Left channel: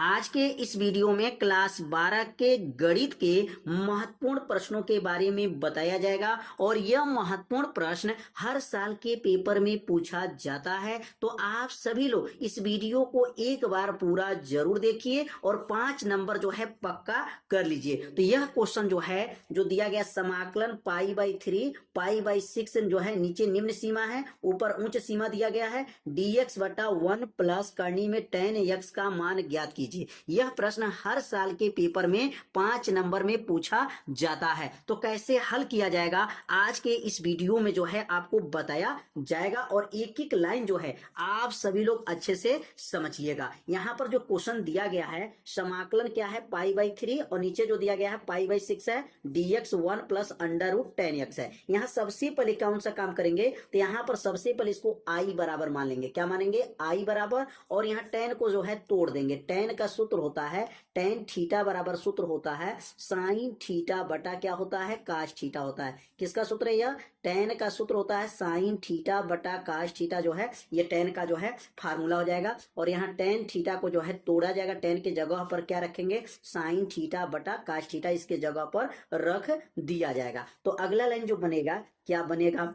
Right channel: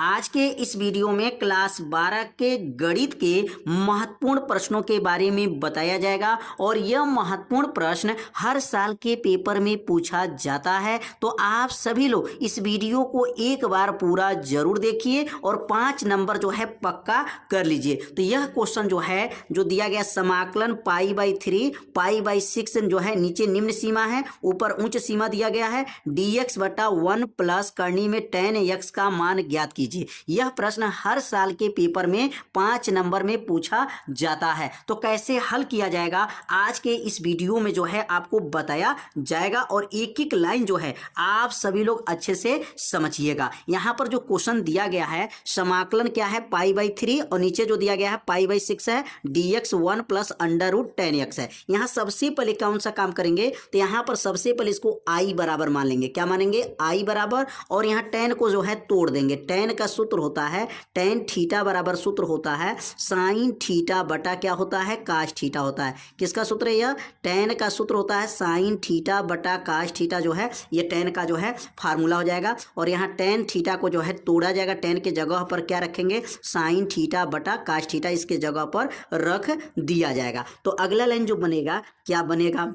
आज के इस वीडियो में क्लास 12 के गणित के महत्वपूर्ण प्रश्नों के बारे में बताया जाएगा और यह महत्वपूर्ण प्रश्न हर साल के पेपर में पूछा जाता है। तो आप सभी लोग इस वीडियो को एक बार पूरा जरूर देखिए और 5 नंबर जो है पक्का कर लीजिए। तो यह क्वेश्चन जो है जो दिया गया समाकलन π/3 π/6 जो है नीचे निम्न सीमा है, ऊपर उच्च सीमा दिया गया है dx बटा 1 प्लस करनी में tan x का मान ज्ञात कीजिए। यह प्रश्न हर साल के पेपर में 5 नंबर में पूछा जाता है। तो कैसे हल किया जाएगा आज के इस वीडियो में जो है आपको बताया जाएगा और एक एक लाइन जो है आप सभी लोग अच्छे से समझिएगा। यहां पर जो क्वेश्चन दिया गया है समाकलन क्या है π/3 और नीचे जो दिया गया है π/6 है dx 1 प्लस √tan x है। यहां सबसे पहले कौन सा काम करेंगे तो यहां पर सबसे पहले इसको i बराबर मान लेंगे। क्या मानेंगे i बराबर, और यहां tan को जो है तोड़ देंगे। tan का सूत्र होता है tan थीटा बराबर सूत्र होता है sin थीटा बटा क्या होता है cos थीटा होता है। किसका सूत्र है यह? tan का सूत्र होता है sin थीटा बटा cos थीटा जो है ये tan का जो है फार्मूला हो जाएगा। और यहाँ tan थीटा को जो है तोड़ा जाएगा, tan के जगह पर क्या रखेंगे sin थीटा बटा cos थीटा इसके जगह पर रख दिया जाएगा। तो अगला लाइन जो बनेगा क्या बनेगा,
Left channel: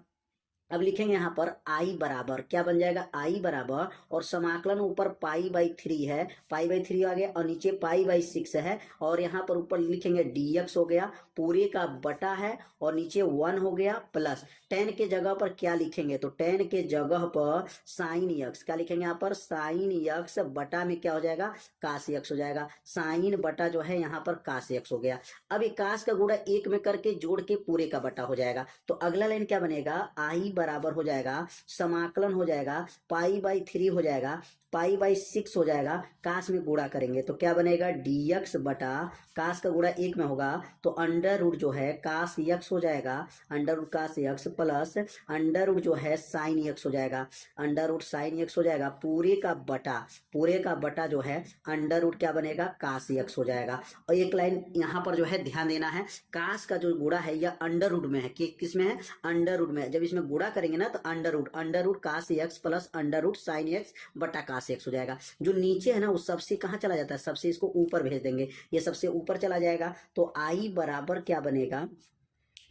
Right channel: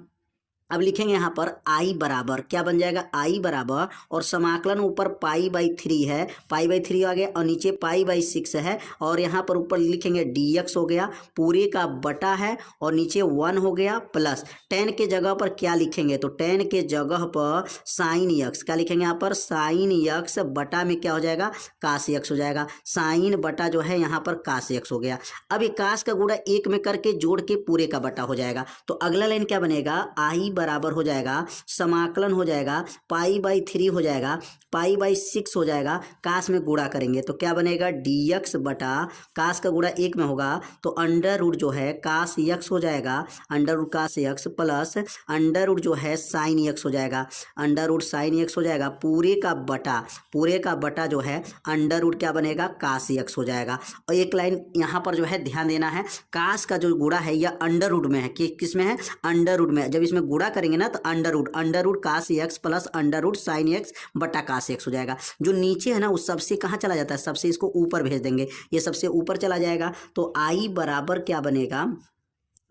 अब लिखेंगे यहाँ पर i बराबर क्या बन जाएगा i बराबर, और समाकलन ऊपर π/3 है, π/3 आ गया और नीचे π/6 है और यहाँ पर ऊपर लिखेंगे dx हो गया पूरे का बटा है और नीचे 1 हो गया प्लस tan के जगह पर क्या लिखेंगे तो tan के जगह पर sin x क्या लिखेंगे यहाँ पर sin x बटा में क्या हो जाएगा cos x हो जाएगा। sin बटा जो है यहाँ पर cos x हो गया। अब ये cos का गुणा एक में करके जोड़ के पूरे का बटा हो जाएगा। तो अगला लाइन क्या बनेगा i बराबर हो जाएगा समाकलन हो जाएगा π/3 हो जाएगा π/6 हो जाएगा, कास में गुणा करेंगे तो क्या बनेगा dx बटा कास का गुणा एक में होगा तो अंडर रूट जो है कास x हो जाएगा, under root cos x plus under root जो है साइन x हो जाएगा, अंडर रूट साइन x हो जाएगा पूरे का बटा जो है अंडर रूट क्या बनेगा कास x हो जाएगा। और एक लाइन यहाँ पर जो है ध्यान देना है, कास का जो गुणा है यह अंडर रूट में है कि किस में है अंडर रूट में। जब इसमें गुणा करेंगे ना तो under root cos x plus under root sine x बटा कास x हो जाएगा। जो नीचे है ना उस सबसे कहाँ चला जाता है, सबसे इसको ऊपर भेज देंगे, ये सबसे ऊपर चला जाएगा। तो i बराबर क्या बनेगा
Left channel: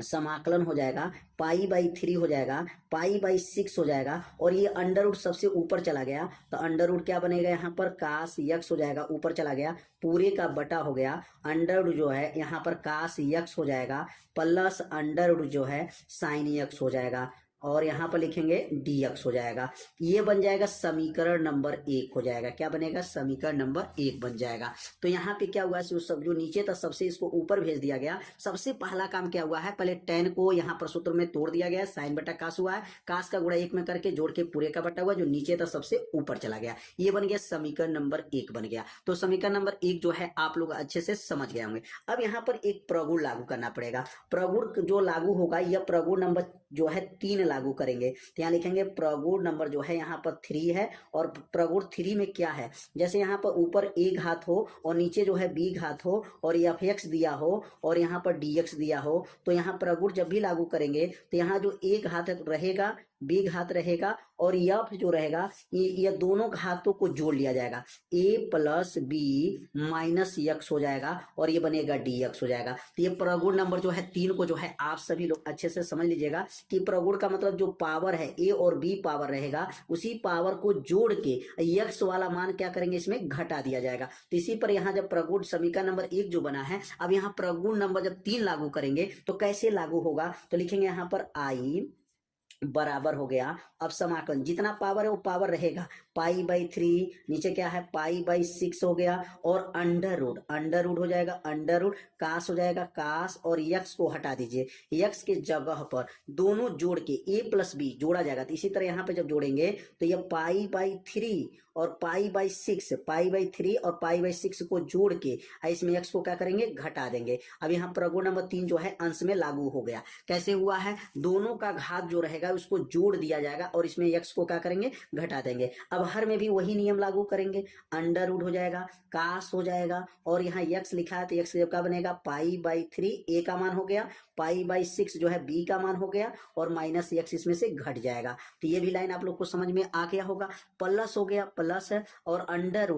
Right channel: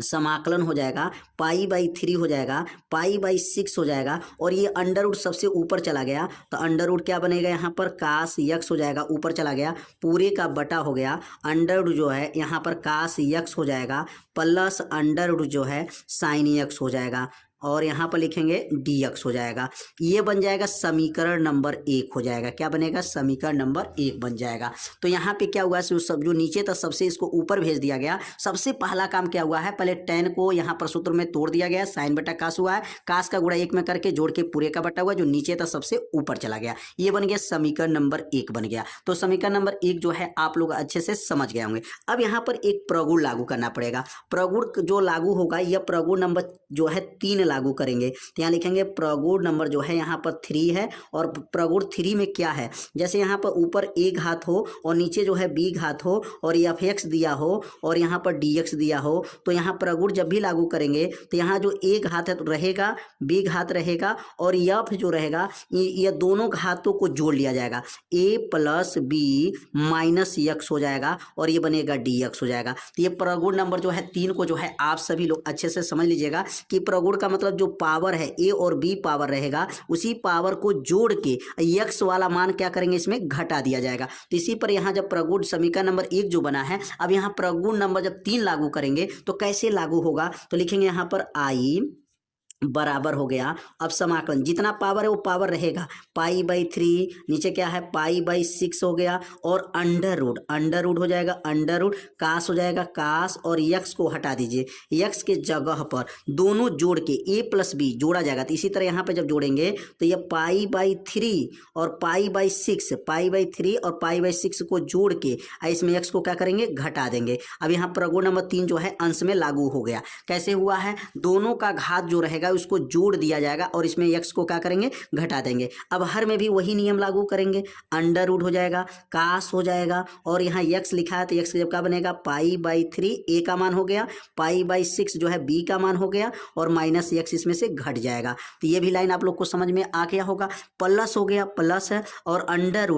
समाकलन हो जाएगा π/3 हो जाएगा π/6 हो जाएगा और ये अंडर रूट सबसे ऊपर चला गया तो अंडर रूट क्या बनेगा यहाँ पर कास x हो जाएगा, ऊपर चला गया पूरे का बटा हो गया अंडर रूट जो है यहाँ पर कास x हो जाएगा प्लस अंडर रूट जो है साइन x हो जाएगा और यहाँ पर लिखेंगे dx हो जाएगा। ये बन जाएगा समीकरण नंबर 1 हो जाएगा। क्या बनेगा समीकरण नंबर 1 बन जाएगा। तो यहाँ पे क्या हुआ सब जो नीचे था सबसे इसको ऊपर भेज दिया गया। सबसे पहला काम क्या हुआ है पहले tan को यहाँ पर सूत्र में तोड़ दिया गया, साइन बटा कास हुआ है, कास का गुणा 1 में करके जोड़ के पूरे का बटा हुआ, जो नीचे था सबसे ऊपर चला गया। ये बन गया समीकरण नंबर 1 बन गया। तो समीकरण नंबर 1 जो है आप लोग अच्छे से समझ गए होंगे। अब यहाँ पर एक प्रगुण लागू करना पड़ेगा। प्रगुण जो लागू होगा यह प्रगुण नंबर जो है 3 लागू करेंगे। तो यहाँ लिखेंगे प्रगुण नंबर जो है यहाँ पर 3 है और प्रगुण 3 में क्या है, जैसे यहाँ पर ऊपर a घात हो और नीचे जो है b घात हो और f(x) दिया हो और यहाँ पर dx दिया हो, तो यहाँ प्रगुण जब भी लागू करेंगे तो यहाँ जो a घात है तो रहेगा, b घात रहेगा और f जो रहेगा ये दोनों घातों को जोड़ लिया जाएगा, a plus b minus x हो जाएगा और ये बनेगा dx हो जाएगा। तो ये प्रगुण नंबर जो है 3 को जो है आप सभी लोग अच्छे से समझ लीजिएगा कि प्रगुण का मतलब जो पावर है a और b पावर रहेगा उसी पावर को जोड़ के x वाला मान क्या करेंगे इसमें घटा दिया जाएगा। तो इसी पर यहाँ जब प्रगुण समीकरण नंबर 1 जो बना है, अब यहाँ प्रगुण नंबर जब 3 लागू करेंगे तो कैसे लागू होगा तो लिखेंगे यहाँ पर i बराबर हो गया। अब समाकलन जितना पावर है वो पावर रहेगा π/3, नीचे क्या है π/6 हो गया और अंडर रूट हो जाएगा, अंडर रूट कास हो जाएगा, कास और x को हटा दीजिए, x के जगह पर दोनों जोड़ के a प्लस b जोड़ा जाएगा। तो इसी तरह यहाँ पे जब जोड़ेंगे तो ये π/3 और π/3 और π/6 को जोड़ के इसमें x को क्या करेंगे घटा देंगे। अब यहाँ प्रगुण नंबर 3 जो है अंश में लागू हो गया। कैसे हुआ है, दोनों का घात जो रहेगा उसको जोड़ दिया जाएगा और इसमें x को क्या करेंगे, घटा देंगे। अब हर में भी वही नियम लागू करेंगे, अंडर रूट हो जाएगा, कास हो जाएगा, और यहाँ x लिखा है तो x जब क्या बनेगा, पाई/3 a का मान हो गया, पाई/6 जो है b का मान हो गया, और माइनस x इसमें से घट जाएगा। तो ये भी लाइन आप लोग को समझ में आ गया होगा। प्लस हो गया, प्लस है, और अंडर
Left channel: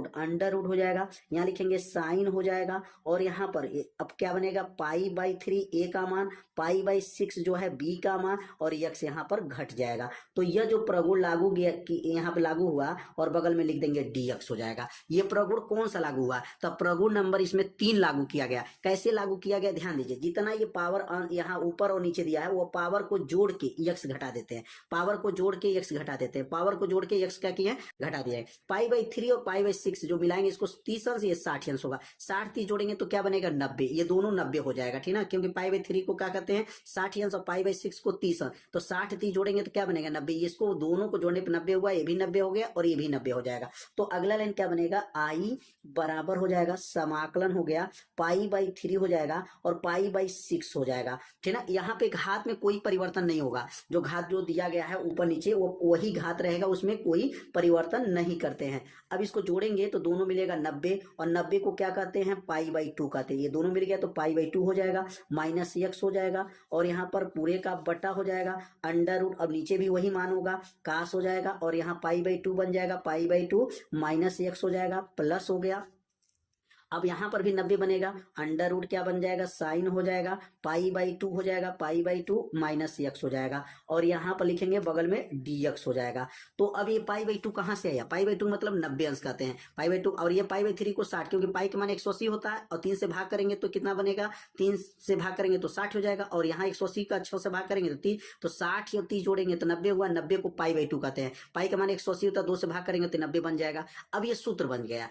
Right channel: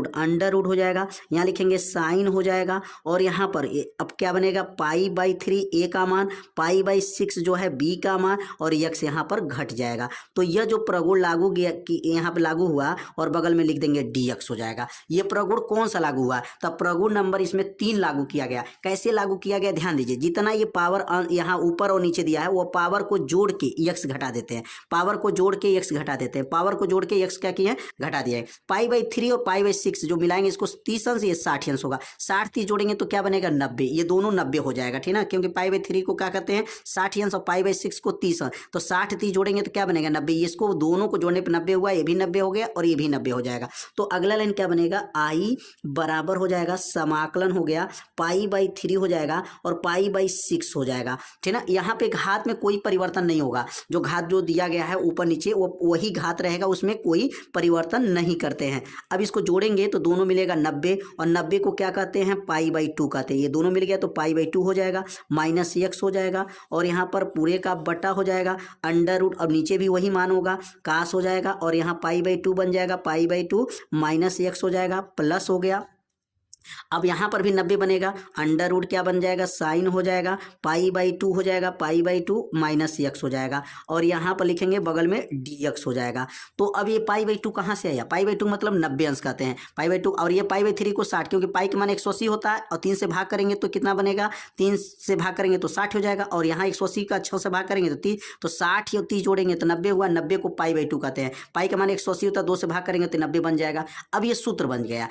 रूट हो जाएगा, यहाँ लिखेंगे साइन हो जाएगा, और यहाँ पर अब क्या बनेगा, पाई/3 a का मान, पाई/6 जो है b का मान, और x यहाँ पर घट जाएगा। तो यह जो प्रगुण लागू गया कि यहाँ पे लागू हुआ, और बगल में लिख देंगे dx हो जाएगा। ये प्रगुण कौन सा लागू हुआ, तब प्रगुण नंबर इसमें 3 लागू किया गया। कैसे लागू किया गया, ध्यान दीजिए, जितना ये पावर यहाँ ऊपर और नीचे दिया है वो पावर को जोड़ के x घटा देते हैं, पावर को जोड़ के x घटा देते हैं, पावर को जोड़ के x क्या किया है, घटा दिया है। पाई/3 और पाई/6 जो मिलाएंगे इसको 30 अंश, ये 60 अंश होगा, 60 30 जोड़ेंगे तो क्या बनेगा, 90। ये दोनों 90 हो जाएगा, ठीक ना, क्योंकि पाई/3 को क्या कहते हैं, 60 अंश, और पाई/6 को 30 अंश, तो 60 30 जोड़ेंगे तो क्या बनेगा, 90। इसको दोनों को जोड़ने पर 90 हुआ, ये भी 90 हो गया, और ये भी 90 हो जाएगा। तो अगला लाइन क्या बनेगा, आई बराबर हो जाएगा, समाकलन हो गया, पाई/3 हो जाएगा, और पाई/6 हो जाएगा, ठीक ना। यहाँ पे घात में कोई परिवर्तन नहीं होगा, जो घात जो दिया गया है ऊपर नीचे वो वही घात रहेगा, उसमें कोई परिवर्तन नहीं करते हैं। अब इसको जोड़ेंगे तो दोनों मिलेगा 90, और 90 को क्या कहते हैं, पाई/2 कहते हैं। ये दोनों मिल गया तो पाई/2 हो जाएगा, माइनस x हो जाएगा, और यहाँ पर पूरे का बटा हो जाएगा, अंडर रूट, और नीचे भी वही मान होगा, कास हो जाएगा, और यहाँ पाई/2 बन जाएगा, पाई/2 माइनस x हो जाएगा, प्लस हो गया। अब यहाँ पर भी 90 बनेगा, अंडर रूट क्या बन जाएगा, साइन हो जाएगा, पाई/2 हो जाएगा, पाई/2 माइनस x हो जाएगा, और यहाँ पर लिखेंगे बगल में dx हो जाएगा। तो अब ये पाई/2 कहाँ से आया, पाई/2 मतलब 90 अंश कहते हैं, पाई/2, और ये पाई/3 को 60, क्योंकि पाई के मान 180 होता है, और 3 से भाग करेंगे तो कितना बनेगा, 3 से भाग करेंगे तो 60 हो जाएगा, और यहाँ 180 का 6 से भाग करेंगे तो 30, तो 60 और 30 जोड़ेंगे तो 90 हुआ, 90 को पाई/2 कहते हैं। पाई का मान 180 होता है, 2 से भाग करेंगे तो 90 बन जाएगा। अब ये सूत्र बन गया,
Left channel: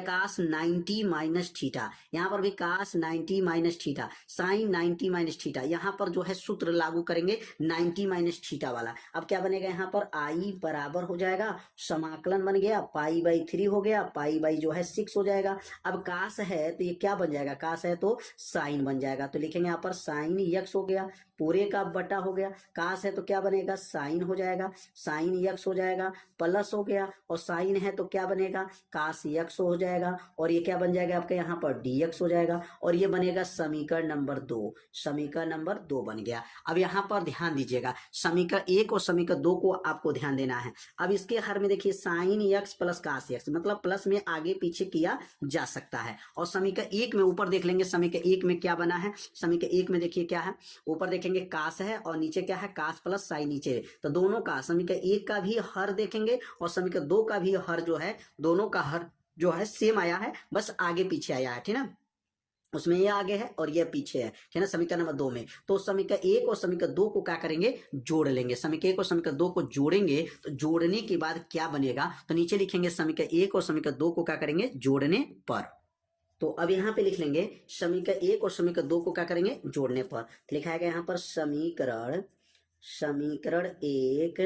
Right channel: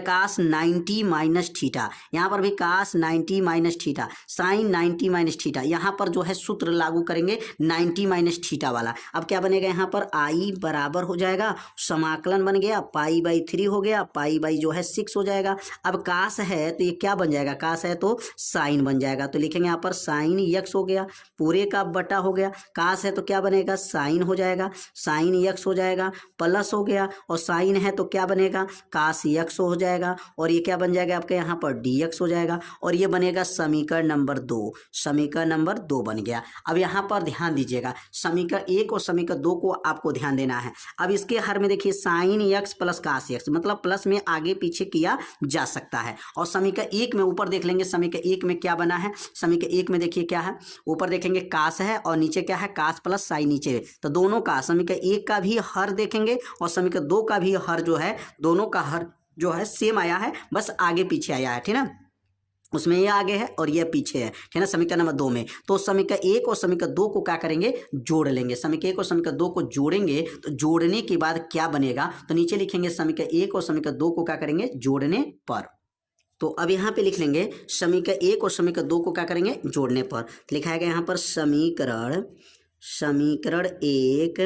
कास 90 माइनस थीटा, यहाँ पर भी cos 90 minus theta, sine 90 minus theta, यहाँ पर जो है सूत्र लागू करेंगे 90 माइनस थीटा वाला। अब क्या बनेगा, यहाँ पर आई बराबर हो जाएगा, समाकलन बन गया, पाई/3 हो गया, पाई/ जो है 6 हो जाएगा। अब कास है तो ये क्या बन जाएगा, कास है तो साइन बन जाएगा, तो लिखेंगे यहाँ पर साइन x हो गया, पूरे का बटा हो गया, कास है तो क्या बनेगा, साइन हो जाएगा, साइन x हो जाएगा, प्लस हो गया, और साइन है तो क्या बनेगा, कास x हो जाएगा, और ये क्या बन जाएगा आपके यहाँ पर dx हो जाएगा, और ये बनेगा समीकरण नंबर 2, समीकरण नंबर 2 बन गया। अब यहाँ पर ध्यान दीजिएगा, समीकरण 1 और समीकरण 2 को आपको ध्यान देना है। अब इसके हर में देखिए sine x plus cos x, मतलब प्लस में आगे पीछे किया जा सकता है। और समीकरण 1 में ऊपर देख लेंगे, समीकरण 1 में क्या बना है, समीकरण 1 में देखिए क्या है, ऊपर देखेंगे कास है, और नीचे क्या है, कास प्लस साइन नीचे, तो दोनों का समीकरण 1 का भी हर देखेंगे, और समीकरण 2 का भी हर जो है, दोनों का हर जो है सेम आया है, बस आगे पीछे आया है, ठीक ना, उसमें ये आगे है और ये पीछे है, ठीक ना, समीकरण नंबर 2 में। तो समीकरण 1 और समीकरण 2 को क्या करेंगे, जोड़ लेंगे, समीकरण 1 और समीकरण 2 को जोड़ेंगे, तो जोड़ने के बाद क्या बनेगा, तो नीचे लिखेंगे समीकरण 1 और समीकरण 2 को क्या करेंगे, जोड़ने पर। तो अब यहाँ पे लिख लेंगे समीकरण 1 और समीकरण 2 को क्या करेंगे, जोड़ने पर। तो लिखा है यहाँ पर समीकरण 1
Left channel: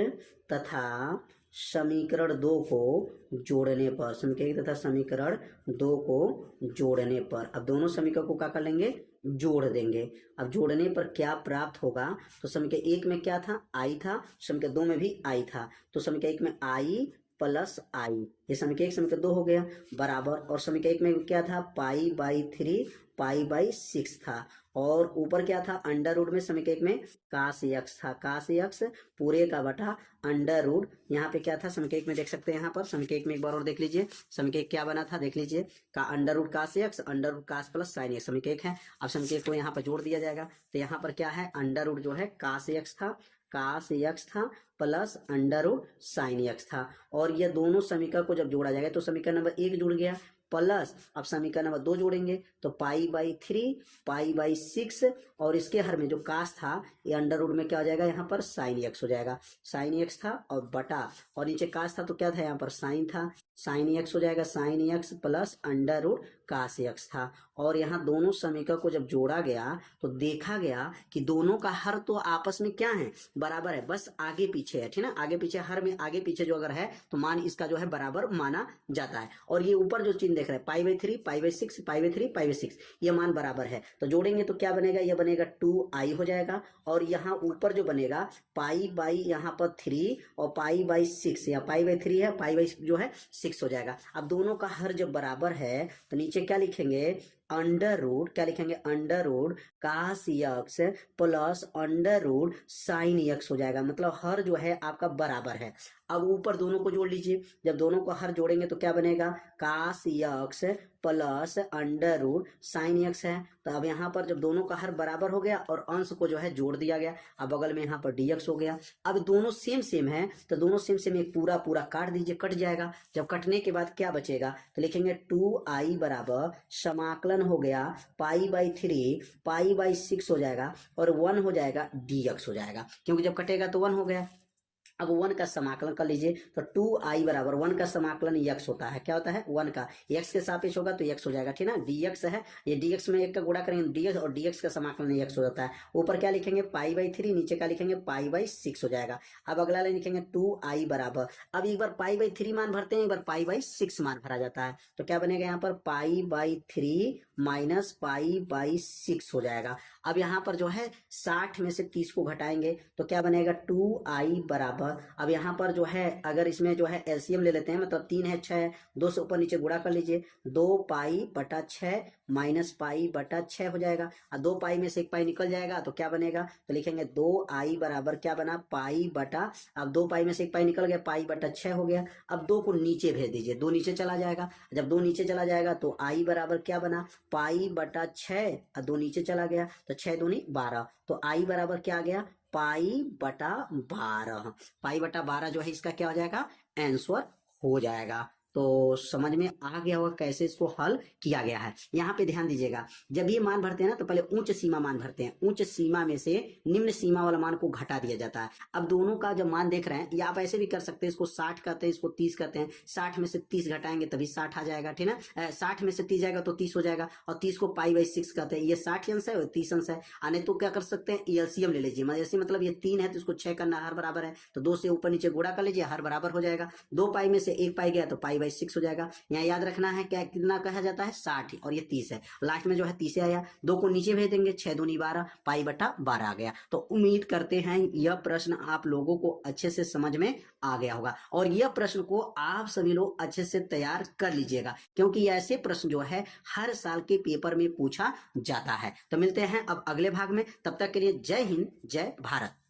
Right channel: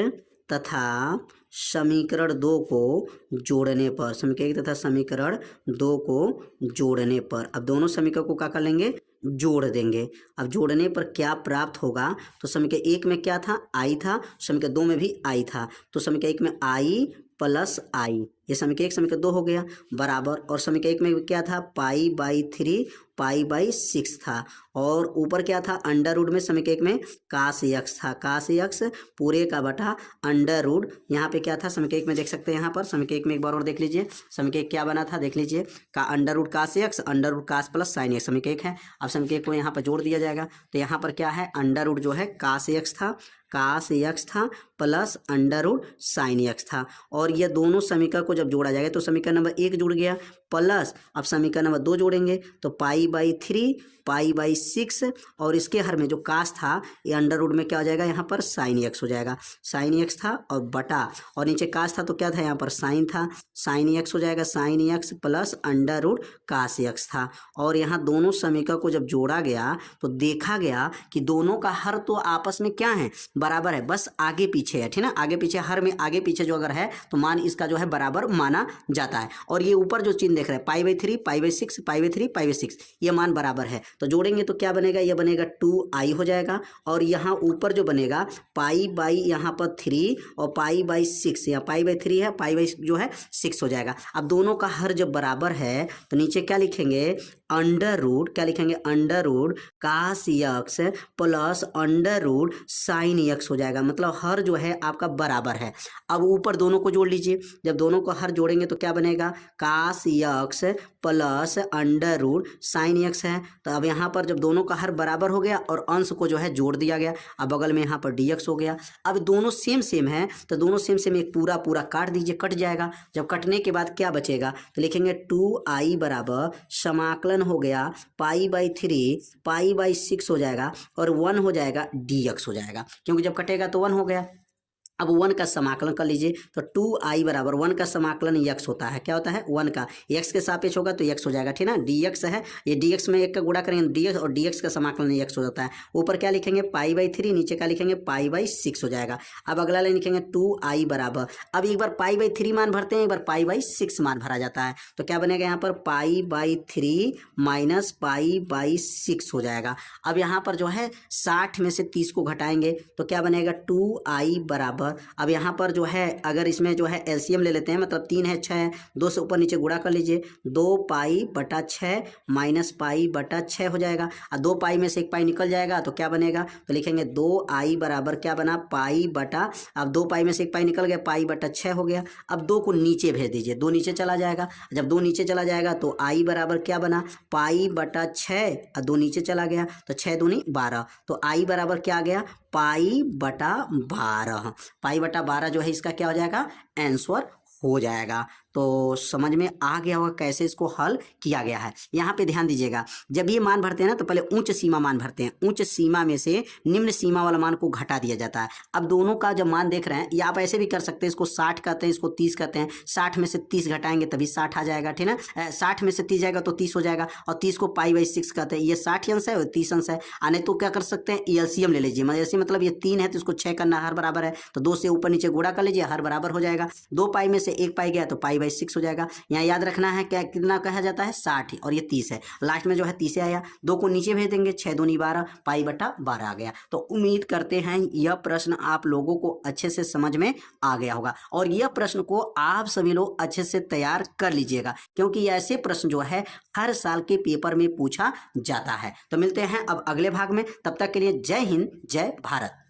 तथा समीकरण 2 को जोड़ने पर, समीकरण 1 तथा समीकरण 2 को जोड़ने पर। अब दोनों समीकरण को क्या कर लेंगे, जोड़ देंगे। अब जोड़ने पर क्या प्राप्त होगा, तो समीकरण 1 में क्या था, आई था, समीकरण 2 में भी आई था, तो समीकरण 1 में आई प्लस आई, ये समीकरण 1 समीकरण 2 हो गया, बराबर, और समीकरण 1 में क्या था, पाई/3 पाई/6 था, और ऊपर क्या था, अंडर रूट में समीकरण 1 में कास x था, कास x पूरे का बटा अंडर रूट, यहाँ पे क्या था, समीकरण 1 में देख सकते हैं, यहाँ पर समीकरण 1 में एक बार और देख लीजिए, समीकरण 1 क्या बना था, देख लीजिए, का under root cos x, under root कास प्लस साइन x, समीकरण 1 है। अब समीकरण 1 को यहाँ पर जोड़ दिया जाएगा, तो यहाँ पर क्या है, अंडर रूट जो है कास x था, कास x था plus under root sine x था, और ये दोनों समीकरण को जब जोड़ा जाएगा तो समीकरण नंबर 1 जुड़ गया, प्लस अब समीकरण नंबर 2 जोड़ेंगे तो पाई/3 पाई/6, और इसके हर में जो कास था ये अंडर रूट में क्या हो जाएगा, यहाँ पर साइन x हो जाएगा, साइन x था और बटा, और नीचे कास था तो क्या था, यहाँ पर साइन था, साइन x हो जाएगा, sine x plus under root cos x था। और यहाँ दोनों समीकरण को जब जोड़ा गया तो देखा गया कि दोनों का हर तो आपस में क्या है, बराबर है, बस आगे पीछे है, ठीक ना, आगे पीछे, हर में आगे पीछे जो अगर है तो मान इसका जो है बराबर माना जाता है। और ये ऊपर जो चिन्ह देख रहे हैं, pi by 3, pi by 6, pi by 3, pi by 6, ये मान बराबर है। तो जोड़ेंगे तो क्या बनेगा, ये बनेगा 2i हो जाएगा। और यहाँ ऊपर जो बनेगा पाई बाई यहाँ पर 3 और पाई बाई 6, या पाई बाई 3 है, पाई बाई जो है 6 हो जाएगा। अब दोनों का हर जब बराबर है तो नीचे क्या लिखेंगे, अंडर रूट, क्या लिखेंगे, under root cos x plus under root sine x हो जाएगा। मतलब हर जो है आपका बराबर है। अब ऊपर दोनों को जोड़ लीजिए, जब दोनों को हर जोड़ेंगे तो क्या बनेगा, cos x plus under root sine x है। तो अब यहाँ पर जब दोनों का हर बराबर हो गया और अंश को जो है जोड़ दिया गया, अब बगल में यहाँ पर dx हो गया। अब दोनों सेम सेम है तो दोनों सेम सेम एक पूरा पूरा काट दीजिए, कट जाएगा। जब कटने के बाद क्या बचेगा, तो लिखेंगे 2i बराबर समाकलन हो गया पाई बाई 3 पाई बाई 6 हो जाएगा और 1 हो जाएगा dx हो जाएगा, क्योंकि जब कटेगा तो 1 हो गया। अब 1 का समाकलन कर लीजिए तो 2i बराबर 1 का समाकलन x होता है, क्या होता है, 1 का x के सापेक्ष होगा तो x हो जाएगा, ठीक ना, dx है, ये dx में 1 का गुणा करेंगे dx और dx का समाकलन x हो जाता है। ऊपर क्या लिखेंगे, पाई बाई 3, नीचे क्या लिखेंगे, पाई बाई 6 हो जाएगा। अब अगला लाइन लिखेंगे 2i बराबर, अब एक बार पाई बाई 3 मान भरते हैं, एक बार पाई बाई 6 मान भरा जाता है। तो क्या बनेगा यहाँ पर pi by 3 minus pi by 6 हो जाएगा। अब यहाँ पर जो है 60 में से 30 को घटाएंगे तो क्या बनेगा, 2i बराबर, अब यहाँ पर जो है अगर इसमें जो है एलसीएम ले लेते हैं, मतलब 3 है 6 है, 2 से ऊपर नीचे गुणा कर लीजिए, 2 पाई बटा 6 माइनस पाई बटा 6 हो जाएगा। और 2 पाई में से 1 पाई निकल जाएगा तो क्या बनेगा, तो लिखेंगे 2i बराबर क्या बना, पाई बटा, अब 2 पाई में से 1 पाई निकल गया, पाई बटा 6 हो गया। अब 2 को नीचे भेज दीजिए, 2 नीचे चला जाएगा, जब 2 नीचे चला जाएगा तो i बराबर क्या बना, पाई बटा 6 और 2 नीचे चला गया तो 6 दूनी 12, तो i बराबर क्या आ गया, पाई बटा 12। पाई बटा 12 जो है इसका क्या हो जाएगा, आंसर हो जाएगा। तो समझ में आ गया होगा कैसे इसको हल किया गया है। यहाँ पे ध्यान दीजिएगा, जब ये मान भरते हैं ना तो पहले उच्च सीमा मान भरते हैं, उच्च सीमा में से निम्न सीमा वाला मान को घटा दिया जाता है। अब दोनों का जब मान देख रहे हैं, या आप ऐसे भी कर सकते हैं, इसको 60 कहते हैं, इसको 30 कहते हैं, 60 में से 30 घटाएंगे तभी 60 आ जाएगा, ठीक है, 60 में से 30 जाएगा तो 30 हो जाएगा, और 30 को पाई बाई 6 कहते हैं, ये 60 अंश है और 30 अंश है। आने तो क्या कर सकते हैं, एलसीएम ले लीजिए, मतलब ये 3 है तो इसको 6 करना, हर बराबर है तो 2 से ऊपर नीचे गुणा कर लीजिए, हर बराबर हो जाएगा। 2 पाई में से 1 पाई गया तो पाई बाई 6 हो जाएगा। यहाँ याद रखना है क्या, कितना कहा जाता है, 60 और ये 30 है, लास्ट में जो है 30 आया, 2 को नीचे भेज देंगे, 6 दूनी 12, पाई बटा 12 आ गया। तो उम्मीद करते हैं यह प्रश्न आप लोगों को अच्छे से समझ में आ गया होगा, और यह प्रश्न को आप सभी लोग अच्छे से तैयार कर लीजिएगा, क्योंकि ऐसे प्रश्न जो है हर साल के पेपर में पूछा जाता है। तो मिलते हैं अब अगले भाग में, तब तक के लिए जय हिंद, जय भारत।